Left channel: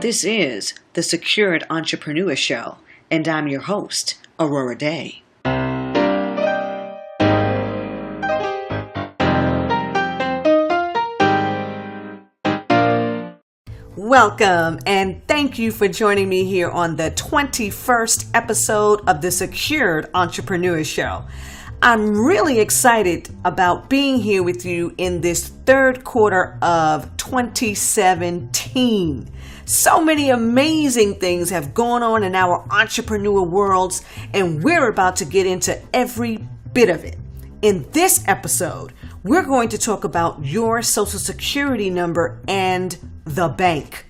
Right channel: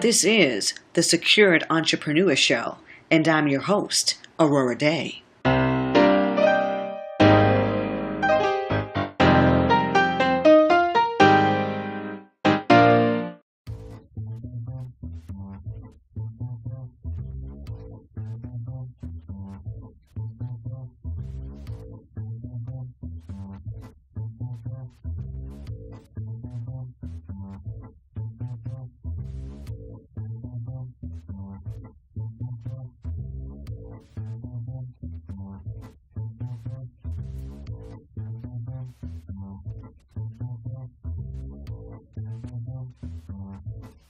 This is the Secured Entrepreneur Show, and I'm your host, Aurorah Dey. Welcome, and thank you for joining me here on the 21st episode of the Secured Entrepreneur Show. I'm really excited about being here with you in this third quarter of 2017. So many amazing things have gone on in our entrepreneur worlds, and we're about to get into every bit of it. In this episode, we're going to talk about your Social Security number and the bank.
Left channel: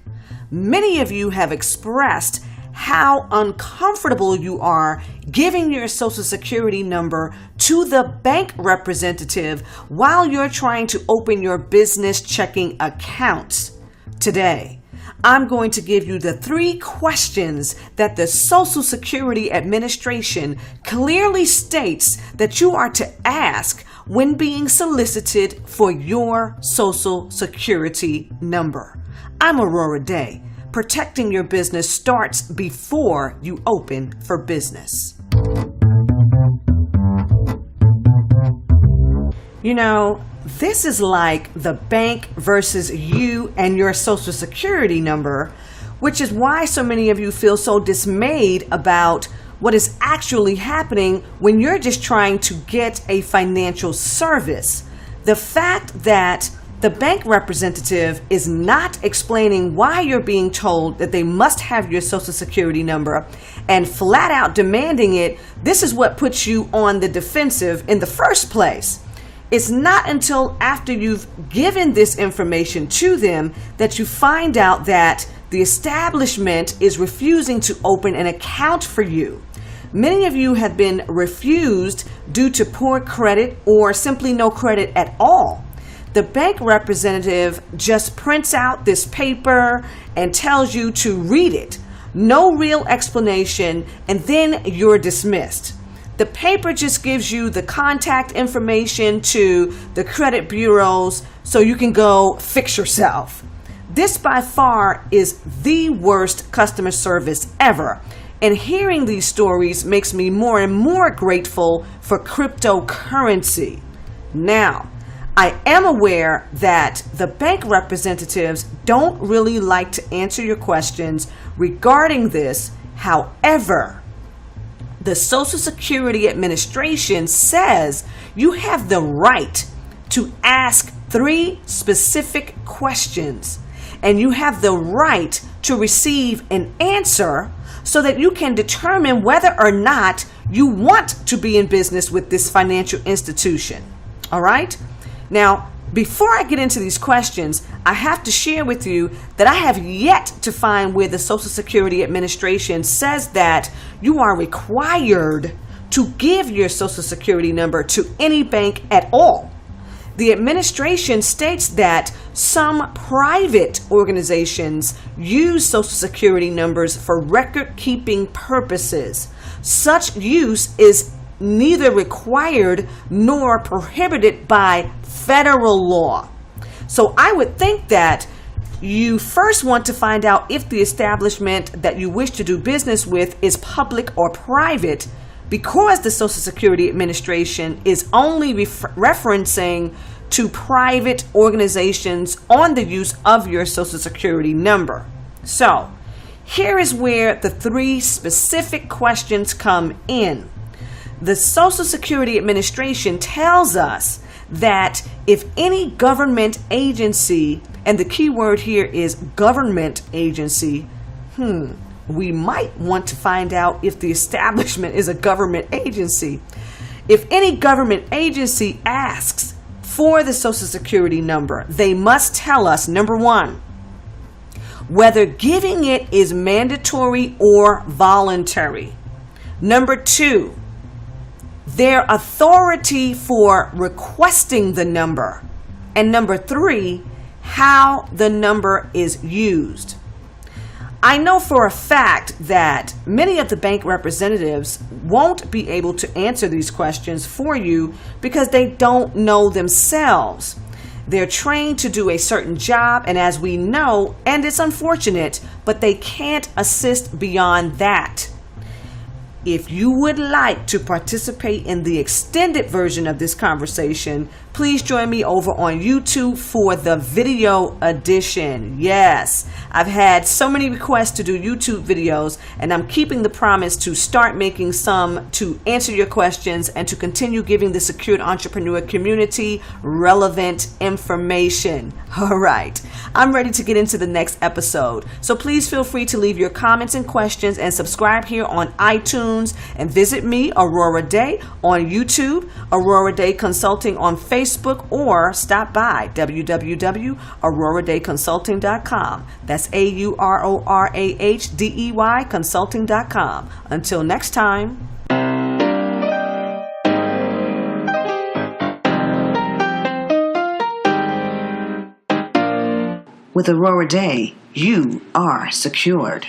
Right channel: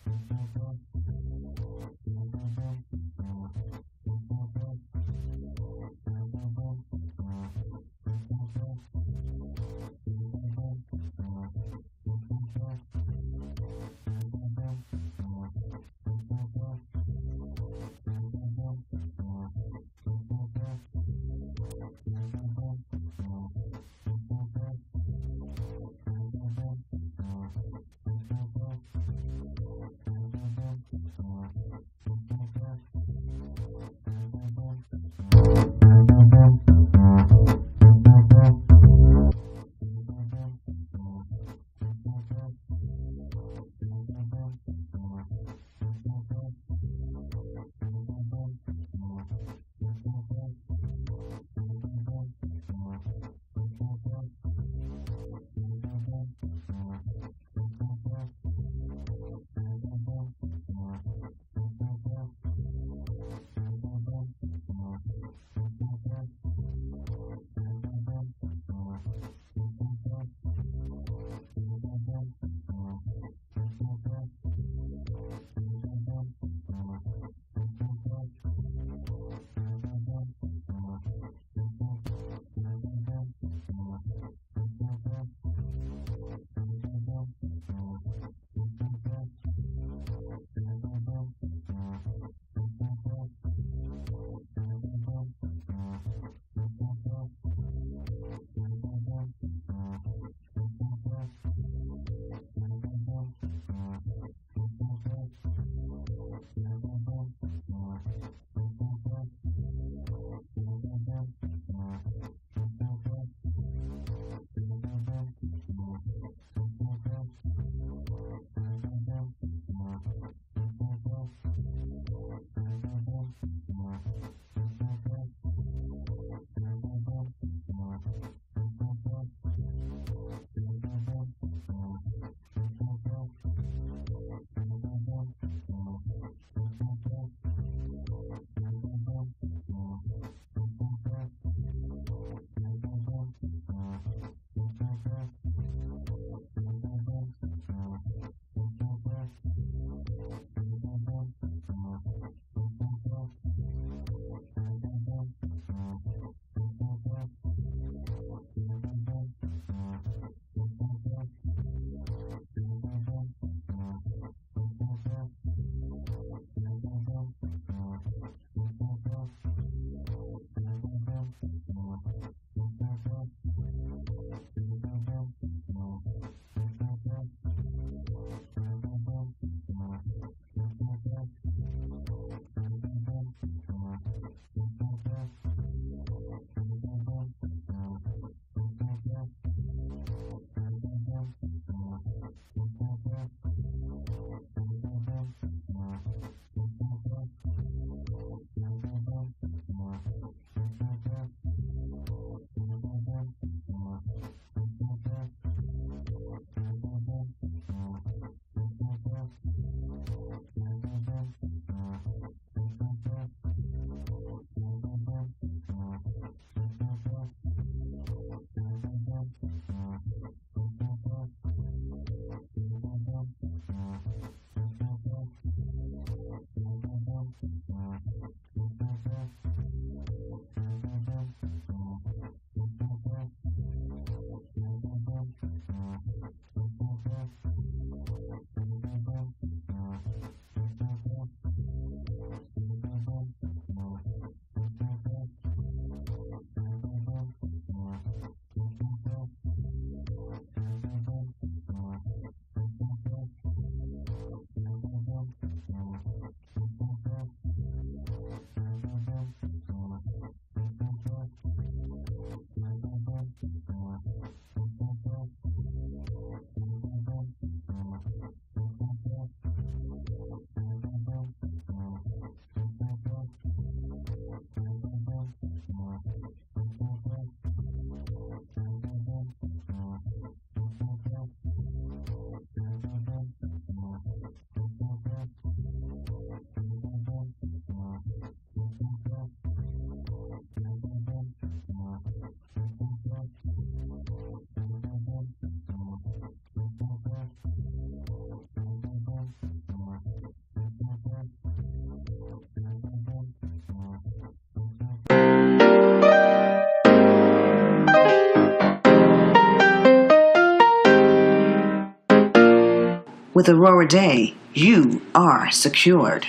Many of you have expressed how uncomfortable you are giving your Social Security number to the bank representative while you're trying to open your business checking accounts. Today, I'm going to give you the 3 questions that the Social Security Administration clearly states that you are to ask when being solicited for your Social Security number. I'm Aurorah Dey. Protecting your business starts before you open for business. You know, this is like the bank versus you and your Social Security number, which is why so many of you feel so dismayed about what is actually happening when you're just trying to get a financial service. The fact that the bank representative is not explaining why you're being told that they must have your Social Security number and flat out demanding it, this is what puts you on the defensive in the first place. It's not until after you've given this information to them that you find out that the establishment is refusing to open an account for you. Many of you have been refused due to poor credit or simply no credit at all. The bank representative just prints out this paper and tells you to read it. No real explanation, and then you're dismissed. The paper just gives you the contact information to the credit bureaus so you can go fix yourself. This by far is the worst customer service ever. And hearing these stories makes me more and more grateful for cryptocurrency. Now, I am aware that the bank representatives don't really like to answer your questions regarding this. However, the Social Security Administration says you have the right to ask 3 specific questions, and you have the right to receive an answer so that you can determine whether or not you want to be in business with this financial institution. All right? Now, before I get into these questions, I have to share with you that I have yet to find where the Social Security Administration says that you are required to give your Social Security number to any bank at all. The administration states that some private organizations use Social Security numbers for record-keeping purposes. Such use is neither required nor prohibited by federal law. So I would think that you first want to find out if the establishment that you wish to do business with is public or private, because the Social Security Administration is only referencing to private organizations on the use of your Social Security number. So here is where the 3 specific questions come in. The Social Security Administration tells us that if any government agency, and the key word here is government agency, we might want to find out if the establishment is a government agency. If any government agency asks for the Social Security number, they must tell us, number 1, whether giving it is mandatory or voluntary. Number 2, their authority for requesting the number. And number 3, how the number is used. I know for a fact that many of the bank representatives won't be able to answer these questions for you because they don't know themselves. They're trained to do a certain job, and as we know, and it's unfortunate, but they can't assist beyond that. If you would like to participate in the extended version of this conversation, please join me over on YouTube for the video edition. Yes, I've had so many requests to do YouTube videos, and I'm keeping the promise to start making some to answer your questions and to continue giving the secured entrepreneur community relevant information. All right, I'm ready to get into the next episode. So please feel free to leave your comments and questions and subscribe here on iTunes, and visit me, Aurorah Dey, on YouTube, Aurorah Dey Consulting on Facebook, or stop by www.aurorahdeyconsulting.com. That's AURORAHDEY consulting.com. Until next time. With Aurorah Dey, you are secured.